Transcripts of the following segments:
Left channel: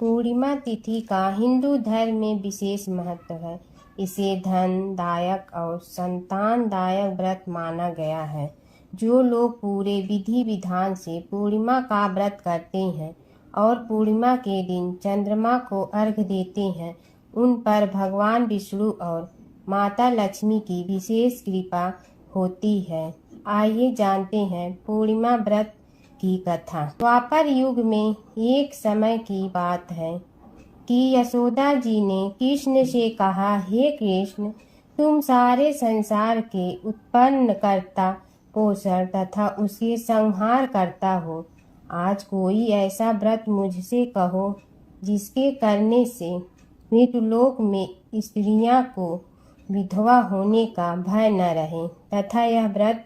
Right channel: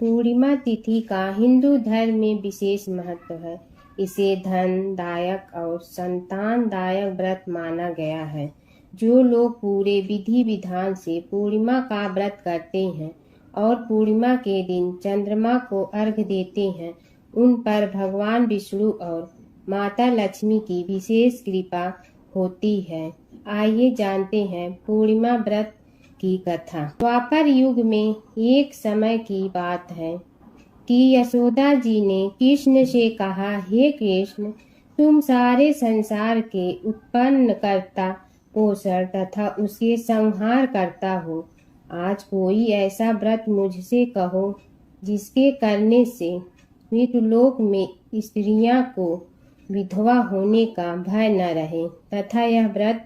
पूर्णिमा तिथि का हिंदू धर्म में विशेष महत्व है। इसे धनदायक और संतानदायक व्रत माना गया है। जो लोग पूरे विधि विधान से पूर्णिमा का व्रत करते हैं और पूर्णिमा के दिन चंद्रमा को अर्घ्य देते हैं, उन पर भगवान विष्णु और माता लक्ष्मी की विशेष कृपा होती है। आइए जानते हैं पूर्णिमा व्रत की कथा। द्वापर युग में एक समय की बात है कि यशोदा जी ने कृष्ण से कहा, हे कृष्ण, तुम सारे संसार के उत्पन्न करता, पोषण तथा उसके संहार करता हो। आज कोई ऐसा व्रत मुझसे कहो जिसके करने से मृतलोक में स्त्रियां को विधवा होने का भय न रहे तथा यह व्रत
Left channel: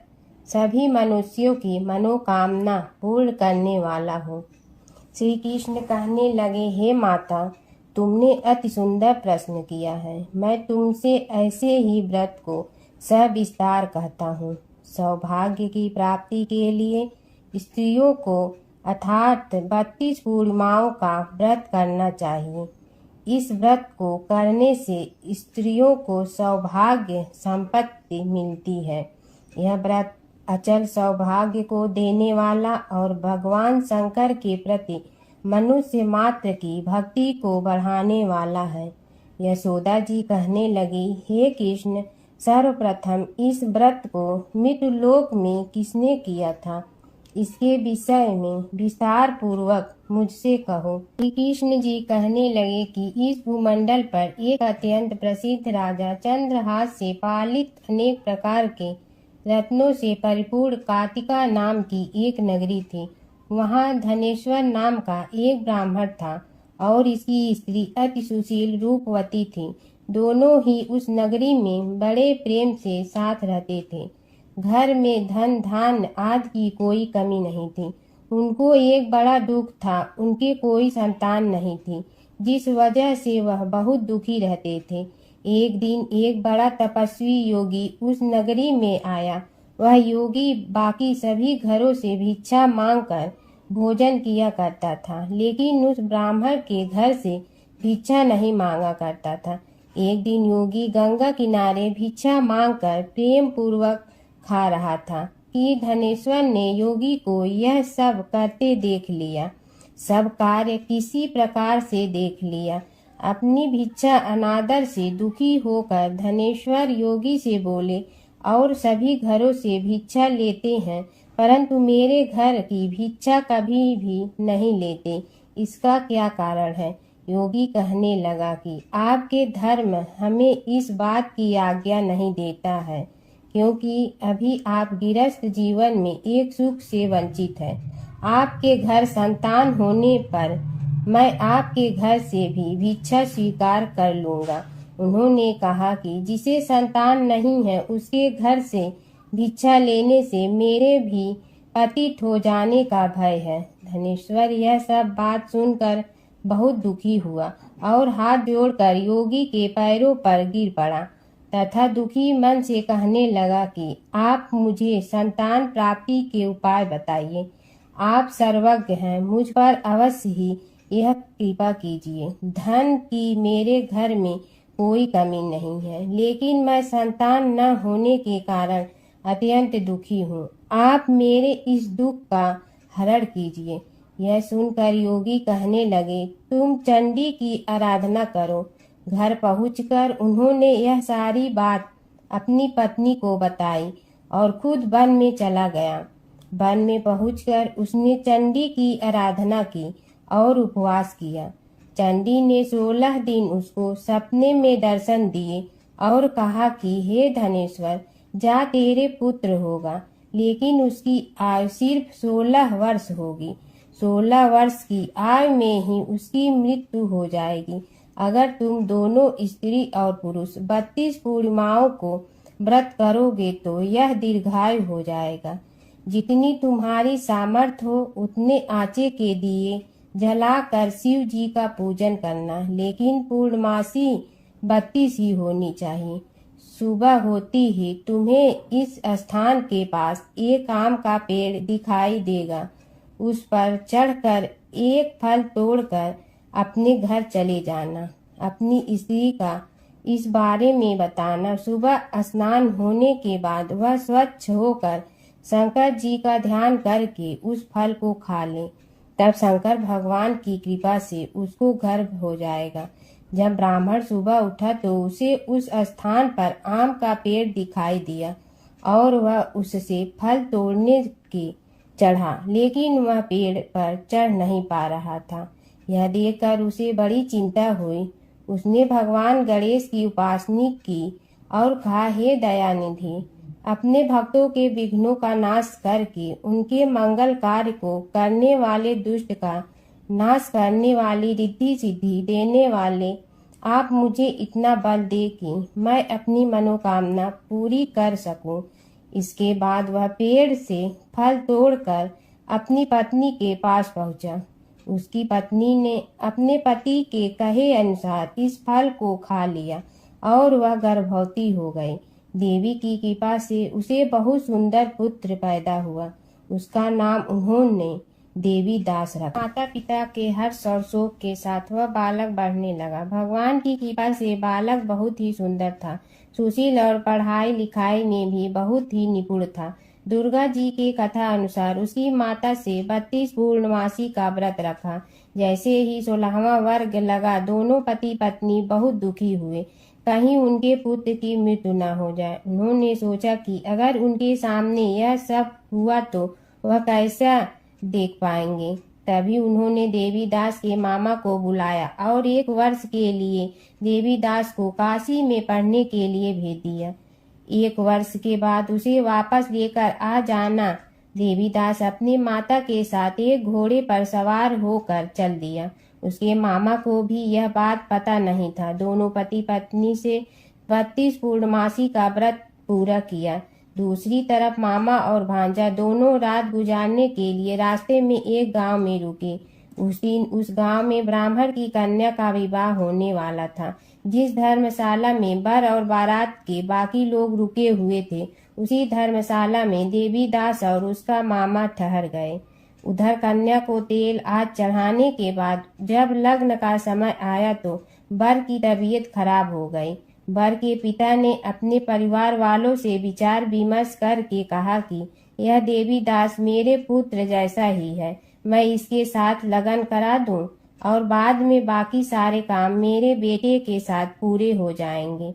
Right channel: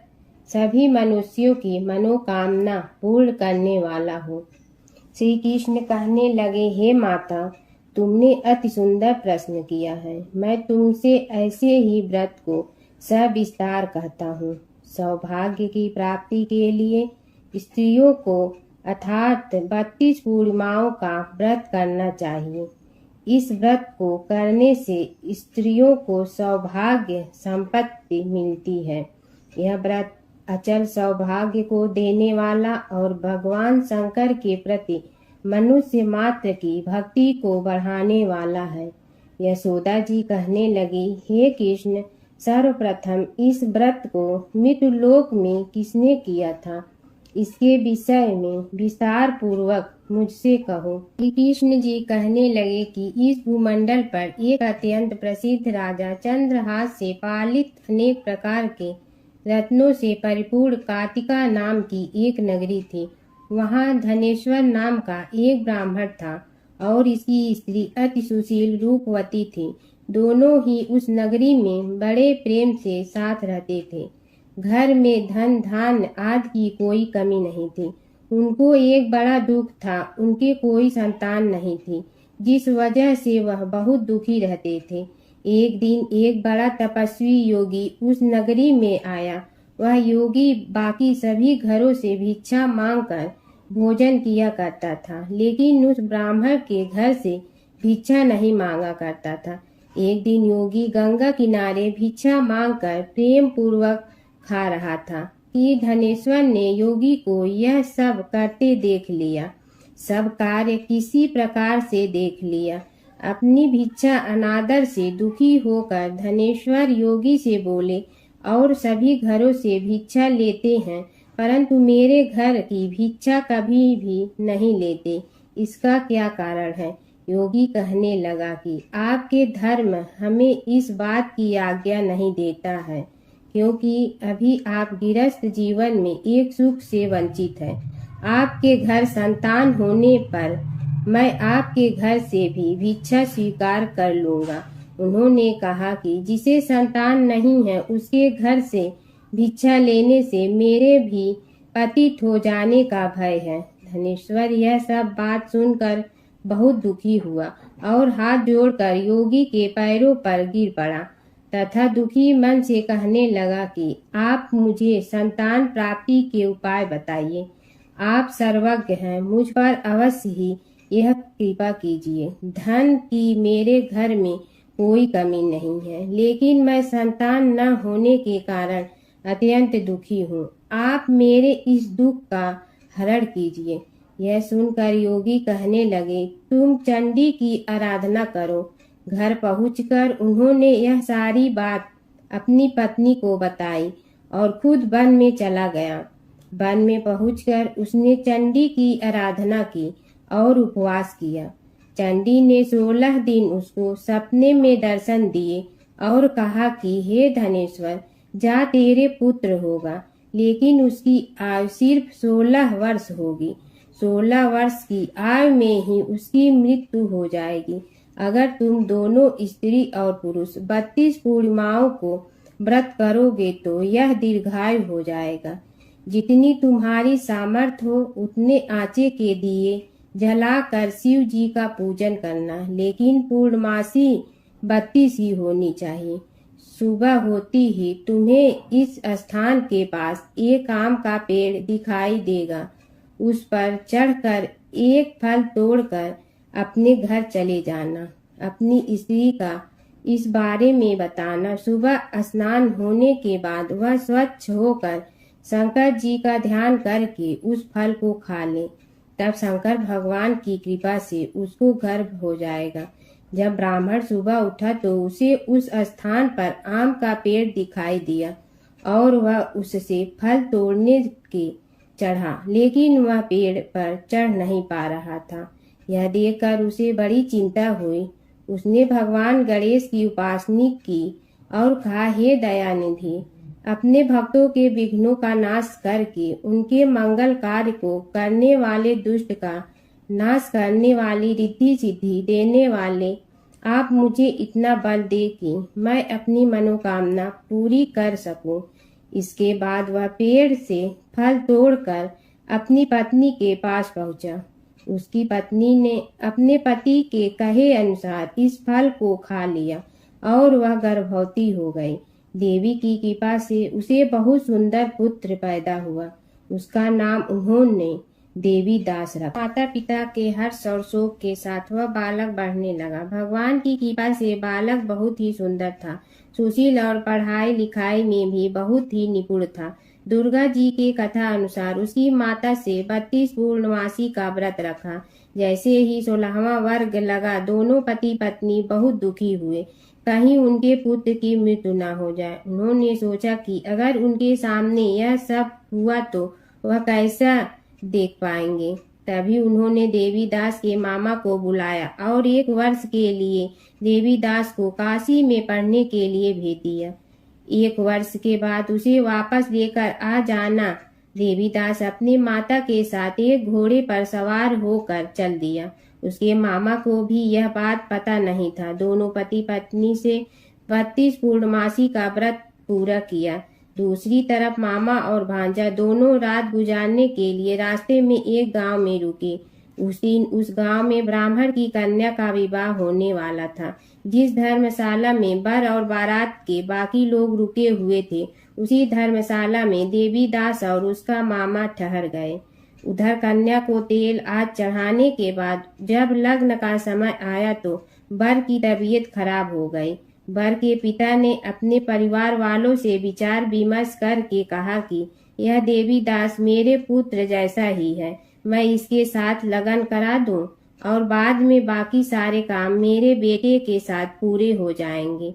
सभी मनुष्यों की मनोकामना पूर्ण करने वाला हो। श्री कृष्ण कहने लगे, हे माता, तुमने अति सुंदर प्रश्न किया है। मैं तुमसे ऐसे ही व्रत को सविस्तार कहता हूँ। सौभाग्य की प्राप्ति के लिए स्त्रियों को अर्थात 32 पूर्णिमाओं का व्रत करना चाहिए। इस व्रत को करने से स्त्रियों को सौभाग्य संपत्ति मिलती है। यह व्रत अचल सौभाग्य को देने वाला और भगवान शंकर के प्रति मनुष्य मात्र की भक्ति को बढ़ाने वाला है। यशोदा जी कहने लगी, हे कृष्ण, सर्वप्रथम इस व्रत को मृतलोक में किसने किया था, इसके विषय में विस्तार पूर्वक मुझसे कहो। श्री कृष्ण जी कहने लगे कि इस भूमंडल पर एक अत्यंत प्रसिद्ध राजा चंद्रहास से पालित अनेक प्रकार के रत्नों से परिपूर्ण कातिका नाम की एक नगरी थी। वहाँ धनेश्वर नाम का एक ब्राह्मण था और इसकी स्त्री अति सुशील रूपवती थी। दोनों ही उस नगरी में बड़े प्रेम से साथ रहते थे। घर में धन धान्य आदि की कोई कमी नहीं थी। उनको एक बड़ा दुख था, उनकी कोई संतान नहीं थी, जिस वजह से वह बहुत दुखी रहते थे। एक दिन एक बड़ा तपस्वी योगी उस नगरी में आया। वह योगी बाकी सभी घरों से भिक्षा मांगकर भोजन किया करता था, लेकिन उस ब्राह्मण के घर से भिक्षा नहीं मांगा करता था। एक दिन योगी गंगा किनारे भिक्षा मांगकर प्रेम पूर्वक खा रहा था कि धनेश्वर ने योगी को यह सब करते देख लिया। सब कार्य किसी प्रकार से देख लिया। अपनी भिक्षा अनादर से दुखी होकर धनेश्वर योगी से बोले, और सभी घरों से भिक्षा लेते हैं, परंतु मेरे घर की भिक्षा कभी भी नहीं लेते, इसका क्या कारण है? योगी कहने लगा कि आपके धर्म हमें इस बात की आज्ञा नहीं देता है, क्योंकि अभी आप गृहस्थ जीवन में एक सुख से वंचित हैं। आपके घर संतान होने पर मैं आपके घर से भी भिक्षा स्वीकार कर लूंगा। उन्होंने कहा कि जिसे संतान नहीं है उसके घर से भिक्षा लेने से मेरे भी पतित हो जाने का भय है। धनेश्वर यह सब बात सुनकर बहुत दुखी हुआ और हाथ जोड़कर योगी के पैरों पर गिर पड़ा तथा दुखी मन से कहने लगा कि आप मुझे संतान प्राप्ति के उपाय बताइए। आप सर्वज्ञ हैं, मुझ पर अवश्य ही यह कृपा कीजिए। धन की मेरे घर में कोई कमी नहीं है, लेकिन मैं संतान न होने के कारण अत्यंत दुखी हूँ। आप मेरे इस दुख का हरण कीजिए। यह सुनकर योगी कहने लगे, तुम चंडी की आराधना करो। घर पहुंचकर उन्होंने यह सारी बात अपनी पत्नी को बताई और खुद वन में चला गया। वन में पहुंचकर उसने चंडी की आराधना की और उपवास किया। चंडी ने 16 दिन उसको सपने में दर्शन दिए और कहा कि हे धनेश्वर, जा तेरे पुत्र होगा, लेकिन उसकी आयु सिर्फ 16 वर्ष होगी। 16 वर्ष की आयु में ही उसकी मृत्यु हो जाएगी। अगर तुम दोनों स्त्री और पुरुष 32 पूर्णिमाओं को व्रत करोगे तो यह दीर्घायु हो जाएगा। जितनी तुम्हारी सामर्थ्य हो उतने आंचे के दिए जलाकर शिव जी का पूजन करना, लेकिन पूर्णमासी 32 ही होनी चाहिए। सुबह होती ही तुम्हें इस स्थान के पास एक आम का पेड़ दिखाई देगा। उस पर चढ़कर एक फल तोड़कर अपने घर चले जाना। अपनी स्त्री का इस बारे में बताना। सुबह स्नान होने के बाद वह स्वच्छ होकर शंकर जी का ध्यान करके उस फल को खा ले। तब शंकर भगवान की कृपा से उसको गर्भ हो जाएगा। जब ब्राह्मण सुबह उठा तो उसे उस स्थान पर आम का पेड़ दिखाई दिया और वह उससे फल तोड़ने के चढ़ा, लेकिन वह पेड़ पर चढ़ नहीं पा रहा था। यह देखकर उसे बड़ी चिंता हुई। उसने भगवान गणेश की उपासना की और कहा, हे दयानिधि, अपने भक्तों के विघ्नों का नाश करके उनके मंगल कार्य को करने वाले, दुष्ट का नाश करने वाली, रिद्धि सिद्धि देने वाले, आप मुझे इतना बल दे कि मैं अपनी मनोकामना पूरी कर सकूं। इसके बाद वह पेड़ से फल तोड़कर अपनी पत्नी के पास पहुंचा। उसकी पत्नी ने अपने पति के कहे अनुसार इस फल को खा लिया और वह गर्भवती हो गई। देवी की कृपा से उसे बहुत सुंदर पुत्र पैदा हुआ। उसका नाम उन्होंने देवी दास रखा। माता पिता के हर्ष और शोक के साथ वह बालक बढ़ने लगा। भगवान की कृपा से बालक बहुत ही सुंदर था, सुशील और पढ़ाई लिखाई में भी बहुत ही निपुण था। दुर्गा जी की कथा अनुसार उसकी माता से 32 पूर्णमासी का व्रत रखा। जैसे ही 16वां वर्ग लगा, दोनों पति पत्नी बहुत दुखी हुए, कहीं उनके पुत्र की मृत्यु न हो जाए। उन्होंने सोचा कि अगर उनके सामने यह सब हुआ तो वह कैसा देख पाएंगे। तभी उन्होंने देवीदास के मामा को बुलाया और 1 वर्ष के लिए देवीदास को काशी में पढ़ने के लिए भेज दिया। 1 वर्ष के बाद उसे वापस लेकर आ जाना। देवीदास अपने माता के साथ एक घोड़े पर सवार होकर चल दिया। उसके मामा को भी यह बात पता नहीं था। दोनों पति पत्नी से 32 पूर्णमासी का व्रत पूरा किया। दूसरी तरफ मामा और भांजा दोनों रात गुजारने के लिए रास्ते में एक गांव में रुके। उस दिन उस गांव में ब्राह्मण की कन्या का विवाह होने वाला था। जिस धर्मशाला में वर और बारात के बाकी लोग रुके हुए थे, उसी धर्मशाला में देवीदास और उसका मामा ठहर गए। उधर कन्या को तेल आज चढ़ाने के बाद जब लग्न का समय आया तो वर की तबीयत खराब हो गई। वर के पिता ने अपने परिवार वालों से विचार विमर्श करके कहा कि यह देवीदास मेरे पुत्र जैसा ही है, मैं इसके साथ लगन करा दूं और बाद में बाकी सारे काम मेरे बेटे के साथ पूरे हो जाएंगे।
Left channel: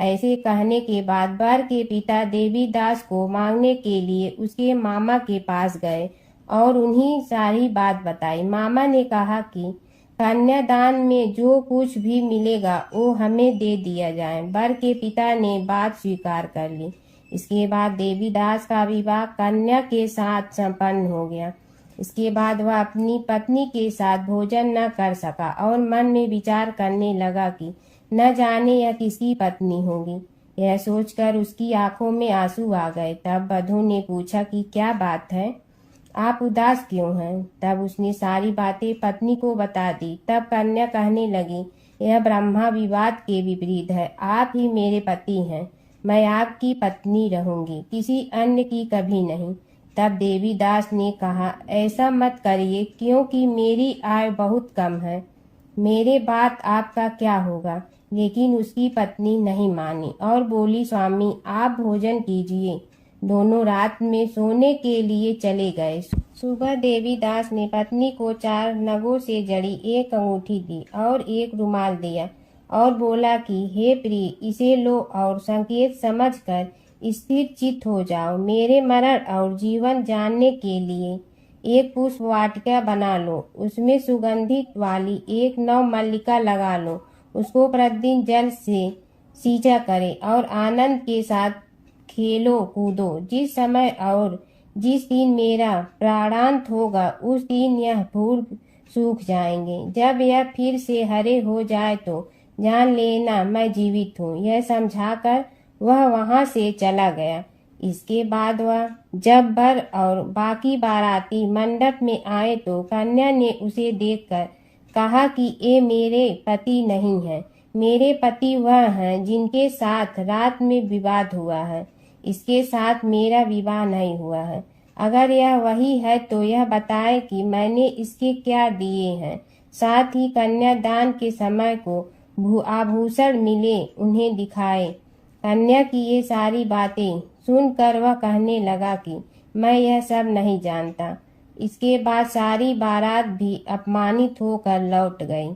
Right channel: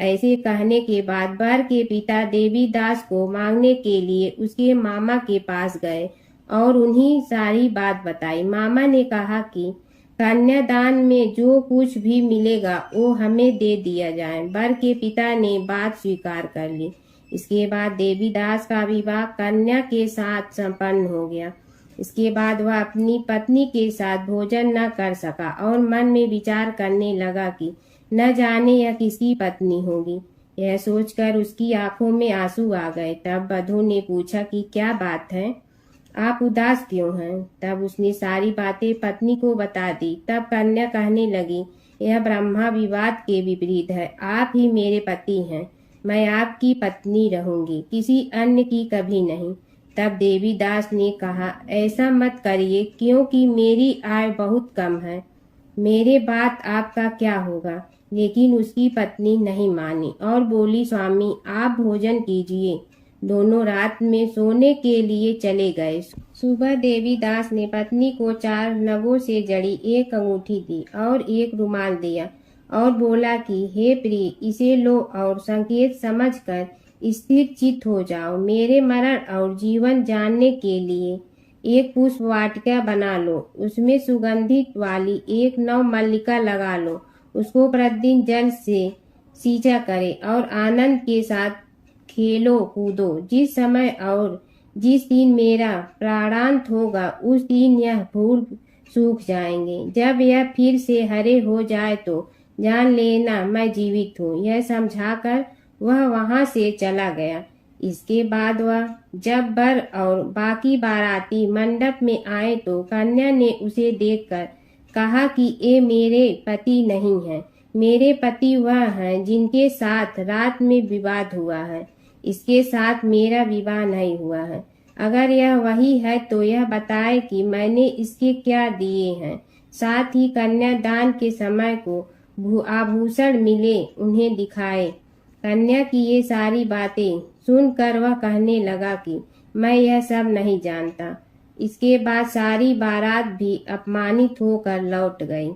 ऐसे कहने के बाद वर के पिता देवीदास को मांगने के लिए उसके मामा के पास गए और उन्हीं सारी बात बताई। मामा ने कहा कि कन्यादान में जो कुछ भी मिलेगा वो हमें दे दिया जाए। वर के पिता ने बात स्वीकार कर ली। इसके बाद देवीदास का विवाह कन्या के साथ संपन्न हो गया। इसके बाद वह अपनी पत्नी के साथ भोजन न कर सका और मन में विचार करने लगा कि न जाने यह किसकी पत्नी होगी। यह सोचकर उसकी आंखों में आंसू आ गए। तब वधू ने पूछा कि क्या बात है, आप उदास क्यों हैं? तब उसने सारी बातें पत्नी को बता दी। तब कन्या कहने लगी, यह ब्रह्मा विवाद के विपरीत है। आप ही मेरे पति हैं, मैं आपकी पत्नी रहूंगी, किसी अन्य की कभी नहीं। तब देवीदास ने कहा, ऐसा मत करिए, क्योंकि मेरी आय बहुत कम है, मेरे बाद आपका क्या होगा। लेकिन उसकी पत्नी नहीं मानी और बोली, स्वामी आप भोजन कीजिए। दोनों रात में सोने के लिए चले गए। सुबह देवीदास ने पत्नी को 4 नगों से जड़ी एक अंगूठी दी और एक रुमाल दिया और बोला कि हे प्रिय, इसे लो और संकेत समझकर स्थिर चित्त हो जाओ। मेरे मरण और जीवन जानने के लिए एक पुष्प वाटिका बना लो, उसमें सुगंधित वाली एक नव मल्लिका लगा लो, उसको प्रतिदिन जल से सींचा करे और आनंद के साथ खेलो कूदो। जिस समय और जिस दिन मेरा प्राणांत होगा उस दिन यह फूल सूख जाएंगे। जब यह फिर से हरे हो जाए तो जान लेना मैं जीवित हूँ। यह समझाकर वह वहां से चला गया। इसके बाद वह जब वर और बाकी बाराती मंडप में आए तो कन्या ने उसे देखकर कहा कि ये मेरे पति नहीं है, मेरे पति वह हैं जिनके साथ रात में विवाद हुआ है, इसके साथ मेरा विवाह नहीं हुआ है। अगर यह वही है तो यह बताए कि मैंने इसके क्या दिए हैं। साथ ही कन्यादान के समय को आभूषण मिले उन्हें दिखाए। कन्या की ये सारी बातें सुनकर वह कहने लगा कि मैं यह सब नहीं जानता। इसके बाद सारी बारात भी अपमानित होकर लौट गई।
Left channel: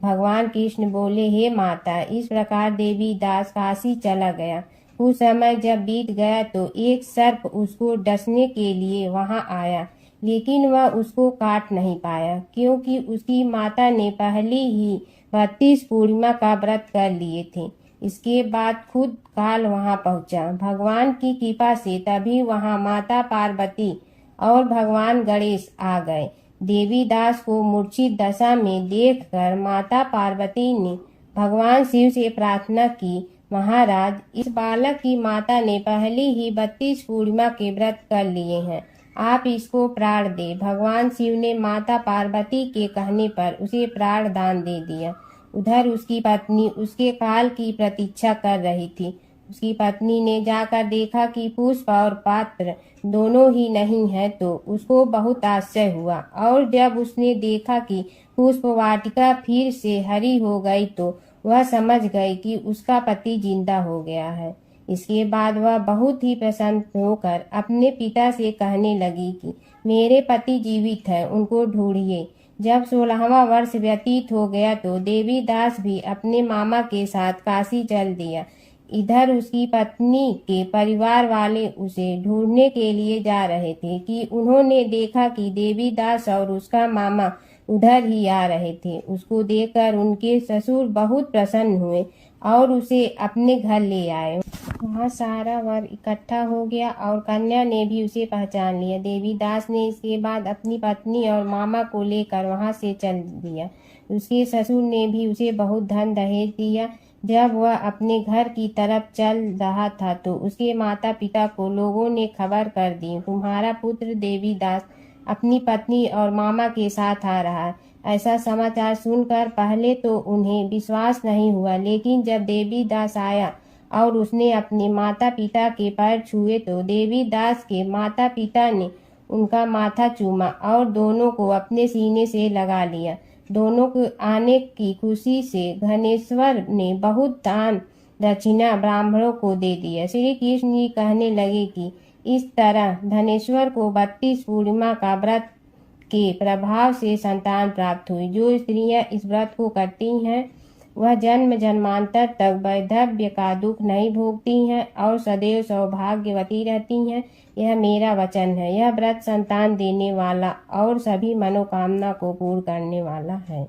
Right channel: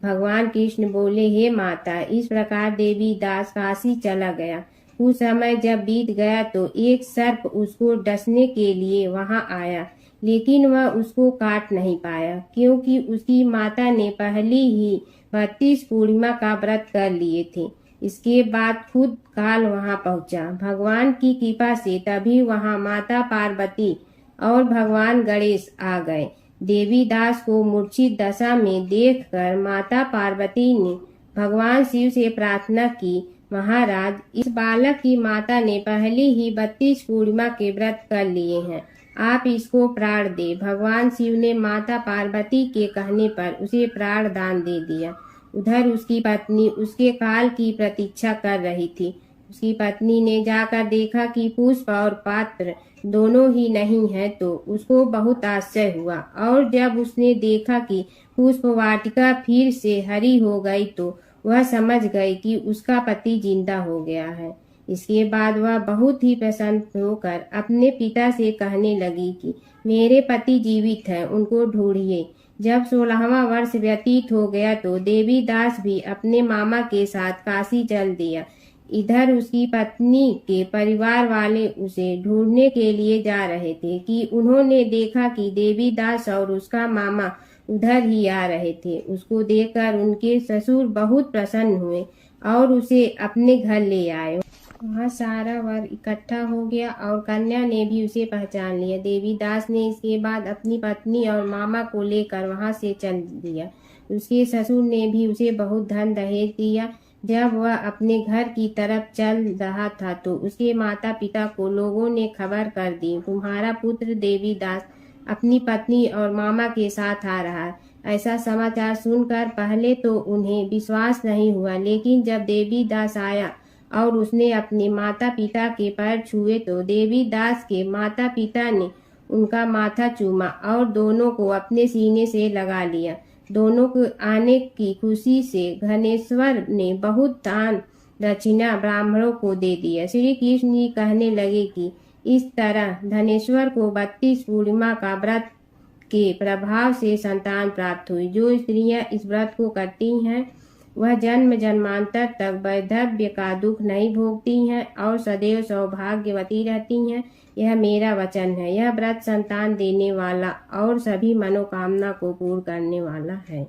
भगवान कृष्ण बोले, हे माता, इस प्रकार देवी दास काशी चला गया। कुछ समय जब बीत गया तो एक सर्प उसको डसने के लिए वहां आया, लेकिन वह उसको काट नहीं पाया, क्योंकि उसकी माता ने पहले ही 32 पूर्णिमा का व्रत कर लिए थे। इसके बाद खुद काल वहां पहुंचा। भगवान की कृपा से तभी वहां माता पार्वती और भगवान गणेश आ गए। देवी दास को मूर्छित दशा में देखकर माता पार्वती ने भगवान शिव से प्रार्थना की, महाराज, इस बालक की माता ने पहले ही 32 पूर्णिमा के व्रत कर लिए हैं, आप इसको प्राण दे। भगवान शिव ने माता पार्वती के कहने पर उसे प्राण दान दे दिया। उधर उसकी पत्नी उसके काल की प्रतीक्षा कर रही थी। उसकी पत्नी ने जाकर देखा कि पुष्प और पात्र दोनों ही नहीं है तो उसको बहुत आश्चर्य हुआ, और जब उसने देखा कि पुष्प वाटिका फिर से हरी हो गई तो वह समझ गई कि उसका पति जिंदा हो गया है। इसके बाद वह बहुत ही प्रसन्न होकर अपने पिता से कहने लगी कि मेरे पति जीवित हैं, उनको ढूंढिए। जब 16वां वर्ष व्यतीत हो गया तो देवी दास भी अपने मामा के साथ काशी चल दिया। इधर उसकी पत्नी के परिवार वाले उसे ढूंढने के लिए जा रहे थे कि उन्होंने देखा कि देवी दास और उसका मामा उधर ही आ रहे थे। उसको देखकर उनके ससुर बहुत प्रसन्न हुए और उसे अपने घर ले आए। वहाँ सारा वर्ग इकट्ठा हो गया और कन्या ने भी उसे पहचान लिया। देवी दास ने इसके बाद अपनी पत्नी और मामा को लेकर वहाँ से चल दिया। उसके ससुर ने भी उसे बहुत धन दहेज दिया। जब वह अपने घर की तरफ चल रहा था तो उसके माता पिता को लोगों ने खबर कर दी, तुम्हारा पुत्र देवी दास अपनी पत्नी और मामा के साथ आ रहा है। ऐसा समाचार सुनकर पहले तो उन्हें विश्वास नहीं हुआ, लेकिन जब देवी दास आया और उसने अपने माता पिता के पैर छुए तो देवी दास के माता पिता ने उनका माथा चूमा और दोनों को अपने सीने से लगा लिया। दोनों को आने की खुशी से धनेश्वर ने बहुत दान दक्षिणा ब्राह्मणों को दे दिया। श्री कृष्ण जी कहने लगे कि इस तरह धनेश्वर को 32 पूर्णिमा का व्रत के प्रभाव से संतान प्राप्त हुई। जो स्त्रियां इस व्रत को करती हैं वह जन्म जन्मांतर तक वैधव्य का दुख नहीं भोगती हैं और सदैव सौभाग्यवती रहती हैं। यह मेरा वचन है। यह व्रत संतान देने वाला और सभी मनोकामना को पूर्ण करने वाला है।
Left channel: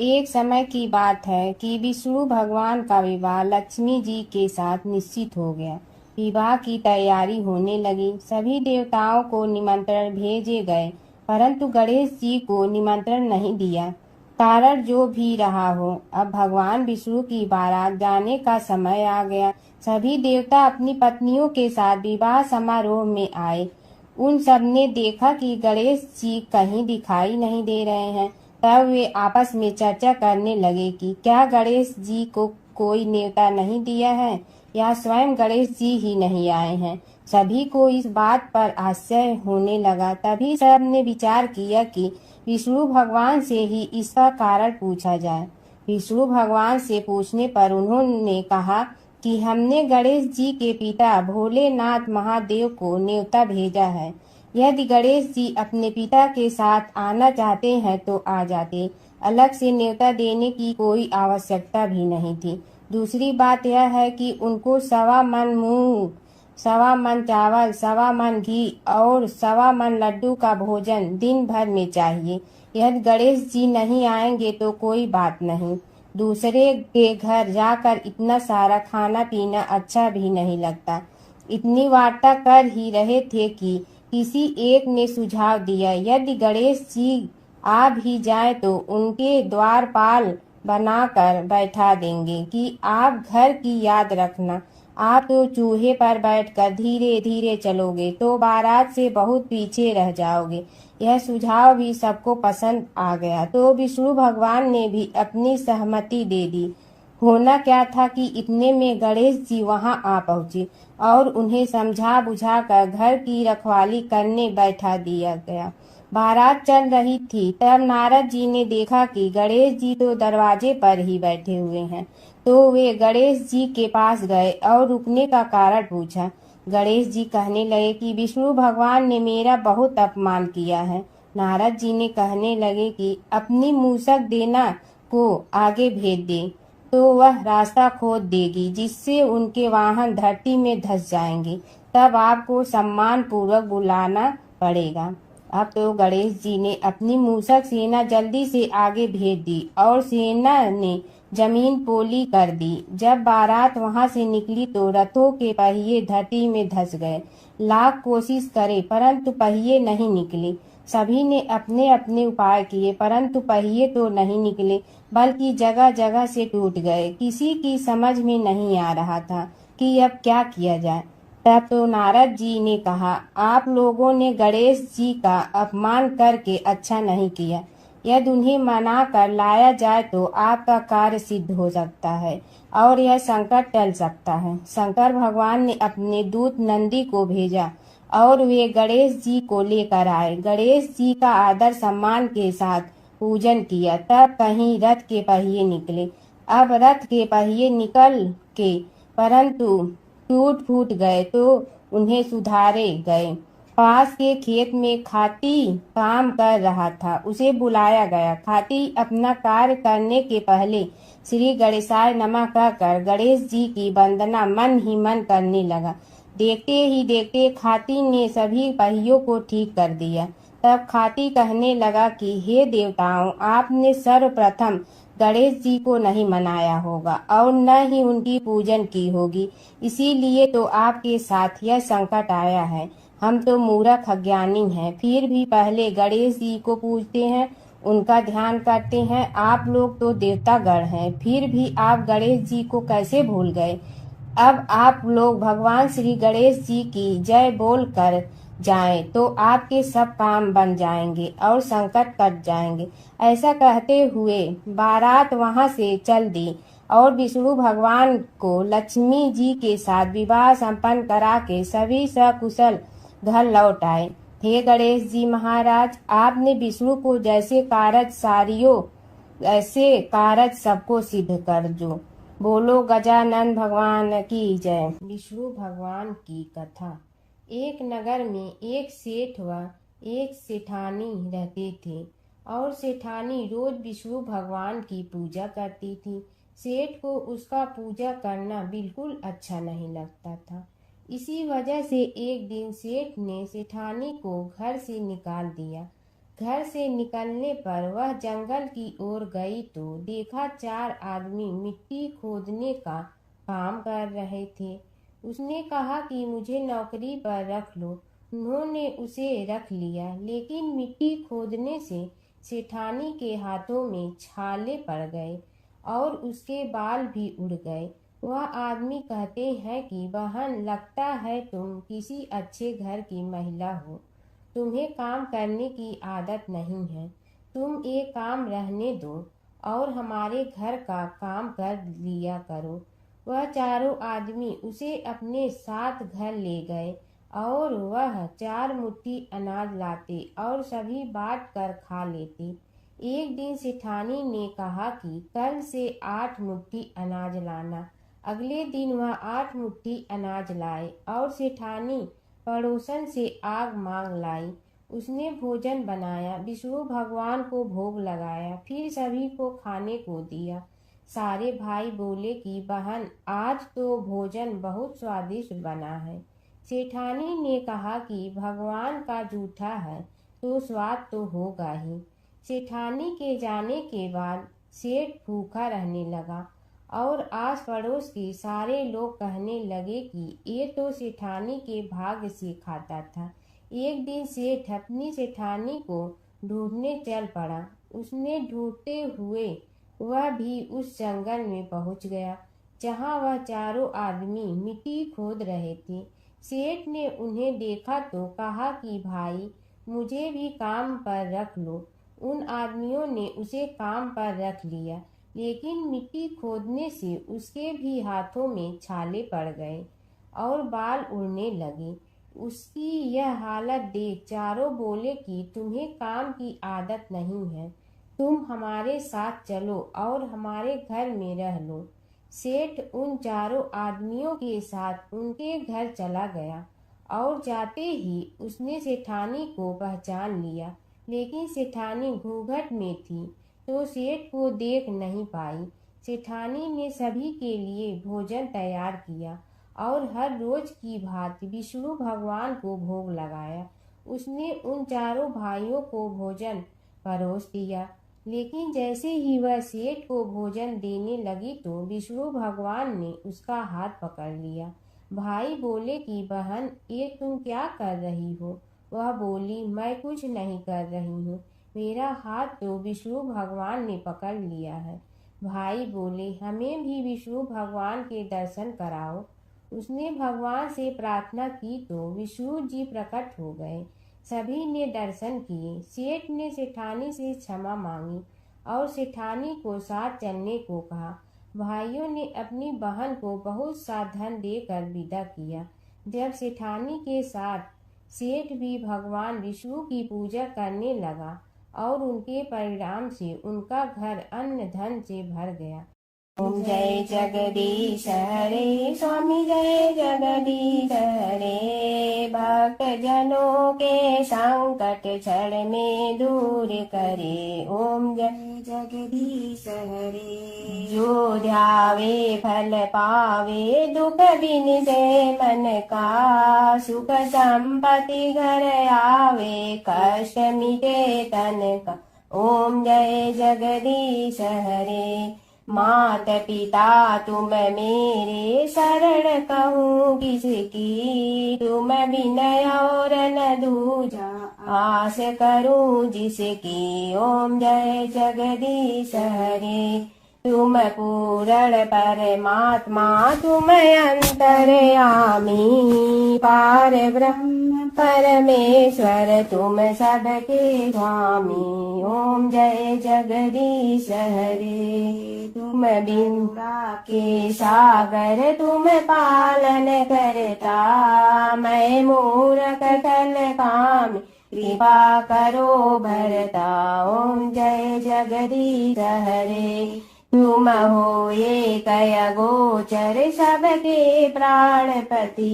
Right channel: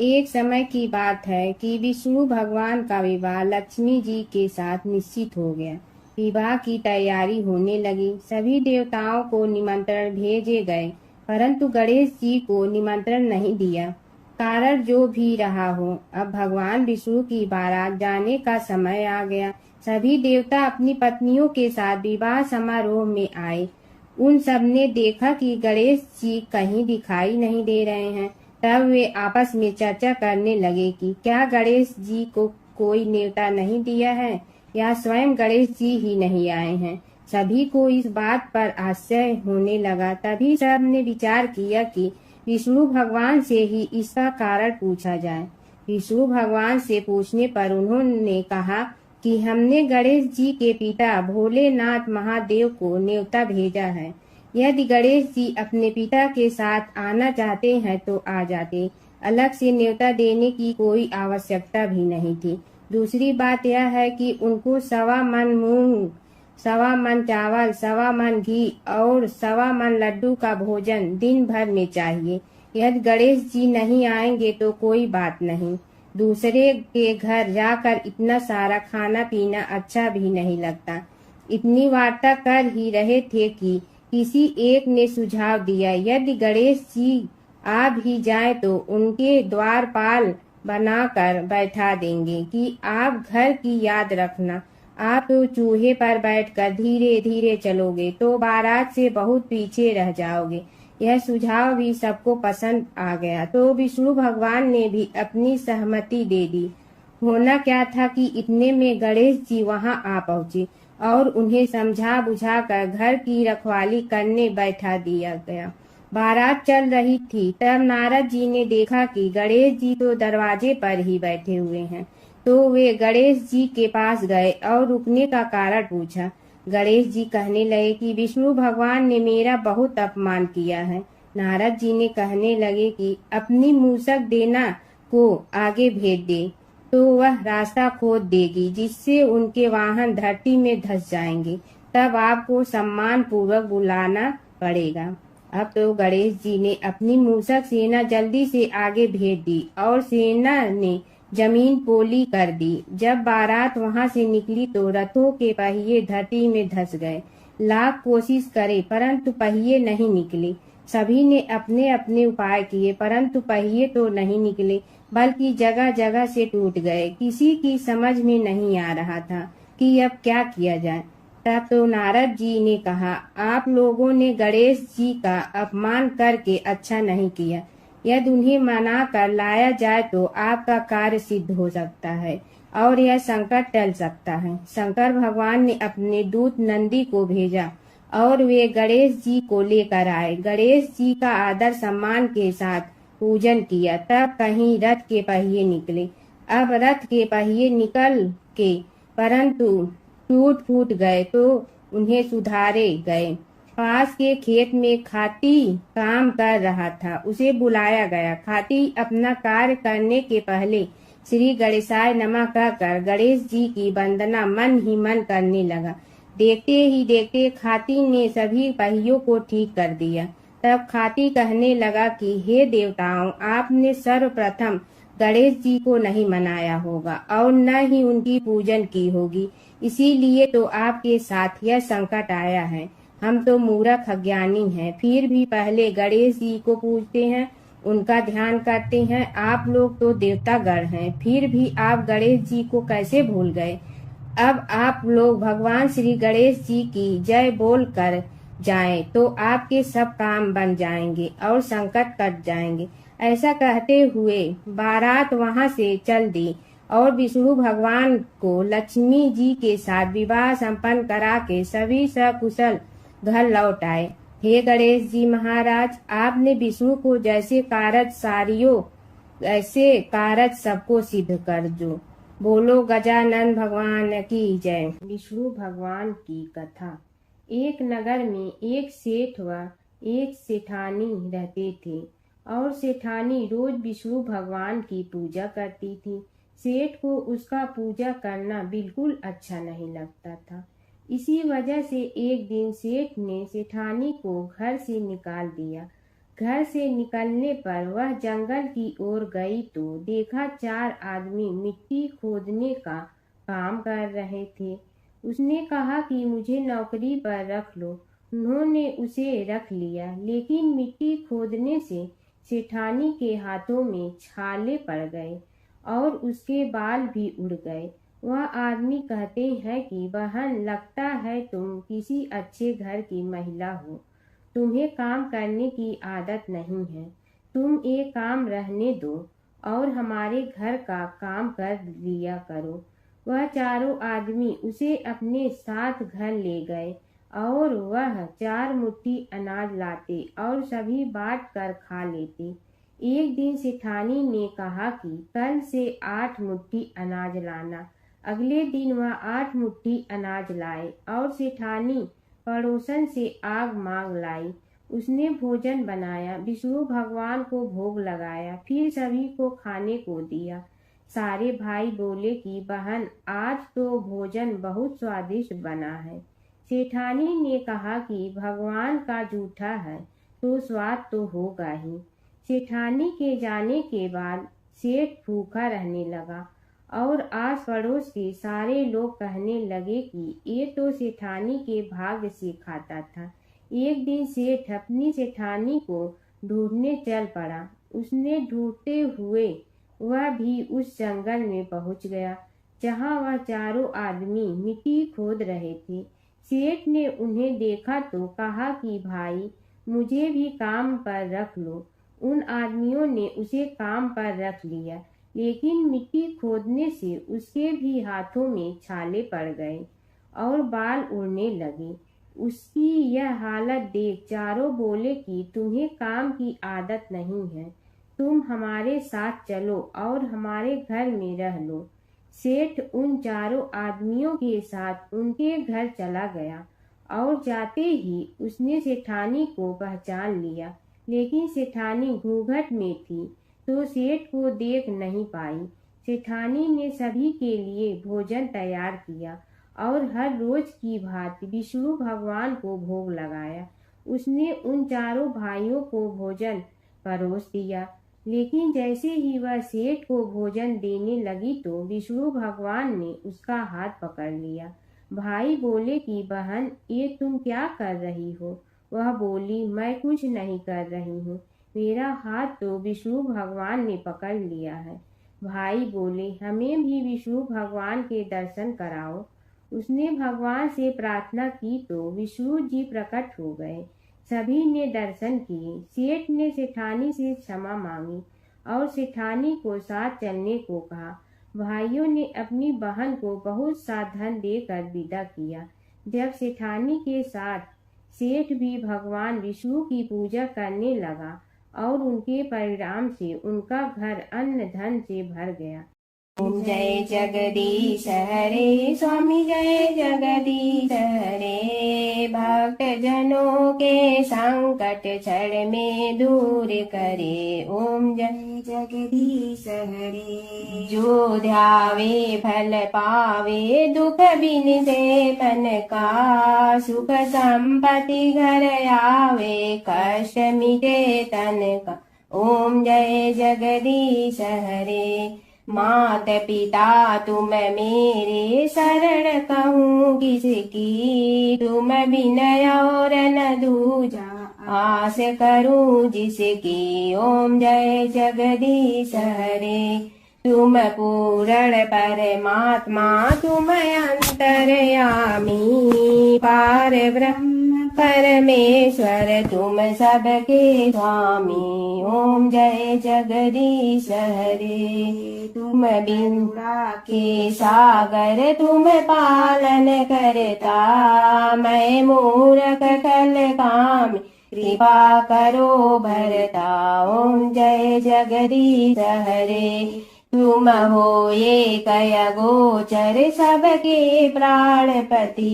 एक समय की बात है कि विष्णु भगवान का विवाह लक्ष्मी जी के साथ निश्चित हो गया। विवाह की तैयारी होने लगी। सभी देवताओं को निमंत्रण भेजे गए, परंतु गणेश जी को निमंत्रण नहीं दिया। कारण जो भी रहा हो, अब भगवान विष्णु की बारात जाने का समय आ गया। सभी देवता अपनी पत्नियों के साथ विवाह समारोह में आए। उन सब ने देखा कि गणेश जी कहीं दिखाई नहीं दे रहे हैं। तब वे आपस में चर्चा करने लगे कि क्या गणेश जी को कोई न्योता नहीं दिया है या स्वयं गणेश जी ही नहीं आए हैं। सभी को इस बात पर आश्चर्य होने लगा। तभी सब ने विचार किया कि विष्णु भगवान से ही इसका कारण पूछा जाए। विष्णु भगवान से पूछने पर उन्होंने कहा कि हमने गणेश जी के पिता भोलेनाथ महादेव को न्योता भेजा है। यदि गणेश जी अपने पिता के साथ आना चाहते हैं तो आ जाते। अलग से न्योता देने की कोई आवश्यकता भी नहीं थी। दूसरी बात यह है कि उनको 1.25 मन मूंग, 1.25 मन चावल, 1.25 मन घी और 1.25 मन लड्डू का भोजन दिन भर में चाहिए। यदि गणेश जी नहीं आएंगे तो कोई बात नहीं। दूसरे के घर जाकर इतना सारा खाना पीना अच्छा भी नहीं लगता। इतनी वार्ता कर ही रहे थे कि किसी एक ने सुझाव दिया, यदि गणेश जी आ भी जाए तो उनके द्वारपाल बनाकर बैठा देंगे कि आप घर की याद रखना। आप तो चूहे पर बैठकर धीरे धीरे चलोगे तो बारात से बहुत पीछे रह जाओगे। यह सुझाव भी सबको पसंद आ गया तो विष्णु भगवान ने भी अपनी सहमति दे दी। होना क्या था कि इतने में गणेश जी वहां आ पहुंचे और उन्हें समझा बुझा कर घर की रखवाली करने बैठा दिया गया। बारात चल रही थी, तब नारद जी ने देखा कि गणेश जी तो दरवाजे पर ही बैठे हुए हैं। तो वे गणेश जी के पास गए और रुकने का कारण पूछा। गणेश जी कहने लगे कि विष्णु भगवान ने मेरा बहुत अपमान किया है। नारद जी ने कहने लगे कि अपनी मूसक देना को आगे भेज दे, तो वह रास्ता खोद देगी, जिससे उनके वाहन धरती में धंस जाएंगे। तब आपको सम्मान पूर्वक बुलाना पड़ेगा। अब तो गणेश जी ने अपनी मूसक सेना जल्दी से आगे भेज दी और सेना ने जमीन पोली कर दी। जब बारात वहां से निकली तो रथों के पहिए धरती में धंस गए। लाख कोशिश करे परंतु पहिए नहीं निकले। सभी ने अपने अपने उपाय किए परंतु पहिए तो नहीं निकले, बल्कि जगह जगह से टूट गए। किसी की समझ में नहीं आ रहा था कि अब क्या किया जाए। तब तो नारद जी ने कहा, आप लोगों ने गणेश जी का अपमान करके अच्छा नहीं किया। यदि उन्हें मना कर लाया जाए तो आपका कार्य सिद्ध हो सकता है और यह संकट टल सकता है। शंकर भगवान ने अपने दूत नंदी को भेजा और वे गणेश जी को लेकर आए। गणेश जी का आदर सम्मान के साथ पूजन किया। तब कहीं रथ के पहिए निकले। अब रथ के पहिए निकल के परंतु टूट फूट गए तो उन्हें सुधारे गए। पास के खेत में खाती काम कर रहा था, उसे बुलाया गया। खाती अपना कार्य करने के पहले श्री गणेशाय नमः कहकर गणेश जी की वंदना मन ही मन करने लगा। देखते ही देखते खाती ने सभी पहियों को ठीक कर दिया। तब खाती कहने लगा कि हे देवताओं, आपने सर्वप्रथम गणेश जी को नहीं मनाया होगा और न ही उनकी पूजन की होगी, इसीलिए तो आपके साथ यह संकट आया है। हम तो मूर्ख अज्ञानी हैं, फिर भी पहले गणेश जी को पूजते हैं, उनका ध्यान करते हैं। आप लोग तो देवतागण हैं, फिर भी आप गणेश जी को कैसे भूल गए। अब आप लोग भगवान श्री गणेश जी की जय बोल कर जाएं तो आपके सब काम बन जाएंगे और संकट कट जाएंगे। ऐसा कहते हुए बारात वहां से चल दी और विष्णु भगवान को लक्ष्मी जी के साथ विवाह संपन्न करा के सभी सकुशल घर लौट आए। हे गणेश जी महाराज, आपने विष्णु को जैसे कारज सारियो ऐसे कारज सबको सिद्ध कर जो। बोलो गजानन भगवान की जय। विष्णु भगवान की कथा। एक नगर में एक सेठ व एक सेठानी रहते थे और सेठानी रोज विष्णु भगवान की पूजा करती थी। सेठ को उसका पूजा करना बिल्कुल अच्छा नहीं लगता था। इसी वजह से एक दिन सेठ ने सेठानी को घर से निकाल दिया। घर से निकलने पर वह जंगल की ओर गई तो देखा 4 आदमी मिट्टी खोदने का काम कर रहे थे। उसने कहा कि मुझे नौकरी पर रख लो। उन्होंने उसे रख लिया, लेकिन मिट्टी खोदने से सेठानी के हाथों में छाले पड़ गए और उसके बाल भी उड़ गए। वह आदमी कहते हैं कि बहन, लगता है तुम किसी अच्छे घर की महिला हो, तुम्हें काम करने की आदत नहीं है। तुम एक काम रहने दो और हमारे घर का काम कर लिया करो। वह चारों आदमी उसे अपने साथ घर ले गए और वह 4 मुट्ठी अनाज लाते और सभी बांट कर खा लेते। एक दिन सेठानी ने कहा कि कल से 8 मुट्ठी अनाज लाना। अगले दिन वह 8 मुट्ठी अनाज लाए और सेठानी पड़ोसन से आग मांग लाई। उसने भोजन बनाया, विष्णु भगवान को भोग लगाया, फिर सभी को खाने को दिया। सारे भाई बोले कि बहन, आज तो भोजन बहुत स्वादिष्ट बना है। सेठानी ने कहा कि भगवान का जूठा है तो स्वाद तो होगा ही। सेठानी के जाने के बाद सेठ भूखा रहने लगा और आस पड़ोस के सारे लोग कहने लगे कि ये तो सेठानी के भाग्य से खाता था। एक दिन सेठ अपनी सेठानी को ढूंढने चल पड़ा। उसने ढूंढते हुए वह भी उस जंगल में पहुंच गया जहां वह चारों आदमी मिट्टी खोद रहे थे। सेठ ने उन्हें देखा तो कहा कि भाई, मुझे भी काम पर रख लो। उन आदमियों ने उसे काम पर रख लिया, लेकिन मिट्टी खोदने से उसके भी हाथों में छाले पड़ गए और बाल उड़ने लगे। उसकी यह हालत देख चारों बोले कि तुम्हें काम की आदत नहीं है, तुम हमारे साथ चलो और हमारे घर में रह लो। सेठ उन चारों आदमियों के साथ उनके घर चला गया और जाते ही उसने सेठानी को पहचान लिया, लेकिन सेठानी घूंघट में थी तो सेठ को देख नहीं पाई। सेठानी ने सभी के लिए भोजन तैयार किया और हर रोज की भांति विष्णु भगवान को भोग लगाया। उसने उन चारों भाइयों को भोजन परोस दिया, लेकिन जैसे ही वह सेठ को भोजन देने लगी तो विष्णु भगवान ने उसका हाथ पकड़ लिया। भाई बोले कि बहन, ये तुम क्या कर रही हो? वह बोली, मैं कुछ नहीं कर रही हूँ, मेरा हाथ तो विष्णु भगवान ने पकड़ लिया है। भाई बोले, हमें भी विष्णु भगवान के दर्शन कराओ। उसने भगवान से प्रार्थना की तो विष्णु जी प्रकट हो गए। सभी ने दर्शन किए। सेठ ने सेठानी से क्षमा मांगी और सेठानी को साथ चलने को कहा। भाइयों ने अपनी बहन को बहुत सा धन देकर विदा किया। जब सेठानी के साथ सेठ भी भगवान विष्णु की पूजा करने लगा और उनके परिणाम से उनका घर अन्न धन से भर गया। ओम जय जगदीश हरे, स्वामी जय जगदीश हरे। भक्त जनों के संकट क्षण में दूर करे। ओम जय जगदीश हरे। जो ध्यावे फल पावे, दुख बिन से मन का। सुख संपत्ति घर आवे, कष्ट मिटे तन का। ओम जय जगदीश हरे। मात पिता तुम मेरे, शरण कहूँ किसकी। तुम विनय और न दूजा, आस करूँ जिसकी। ओम जय जगदीश हरे। तुम पूर्ण परमात्मा, तुम अंतर्यामी। पार ब्रह्म परमेश्वर, तुम सबके स्वामी। ओम जय जगदीश हरे। तुम बिंदा के सागर, तुम पालन करता। मैं मूर्ख कल काम, कृपा करो भरता। ओम जय जगदीश हरे। तुम हो ये कय गोचर, सबके प्राणपति।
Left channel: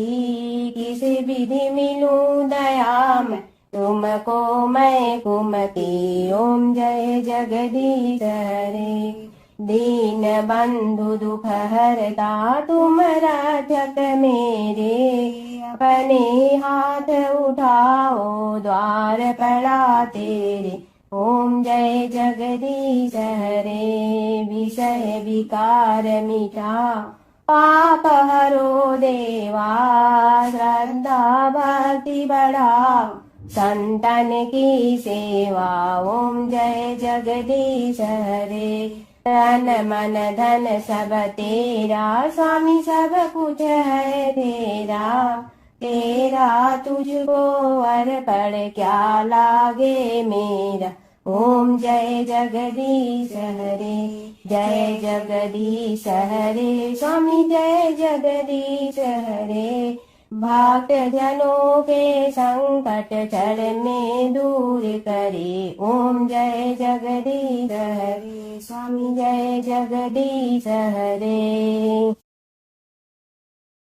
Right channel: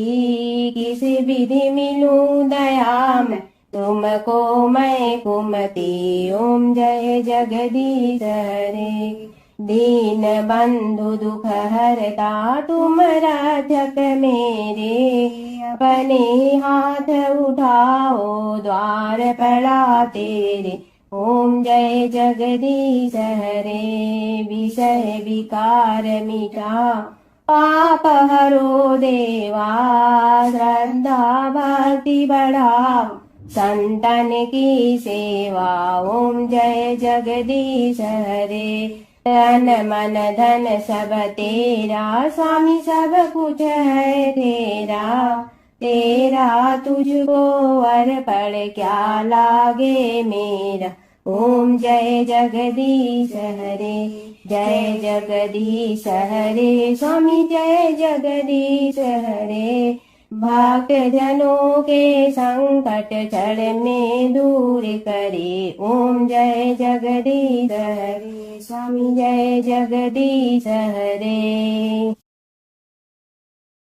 किस विधि मिलूं दया में, तुमको मैं कुमति। ओम जय जगदीश हरे। दीन बंधु दुख हरता, तुम रक्षक मेरे। अपने हाथ उठाओ, द्वार पड़ा तेरे। ओम जय जगदीश हरे। विषय विकार मिटा, पाप हरो देवा। श्रद्धा भक्ति बढ़ाओ, संतन की सेवा। ओम जय जगदीश हरे। तन मन धन सब तेरा, स्वामी सब कुछ है तेरा। तेरा तुझको अर्पण क्या लागे मेरा। ओम जय जगदीश हरे। जय जगदीश हरे, स्वामी जय जगदीश हरे। भक्त जनों के संकट क्षण में दूर करे। ओम जय जगदीश हरे, स्वामी जय जगदीश हरे।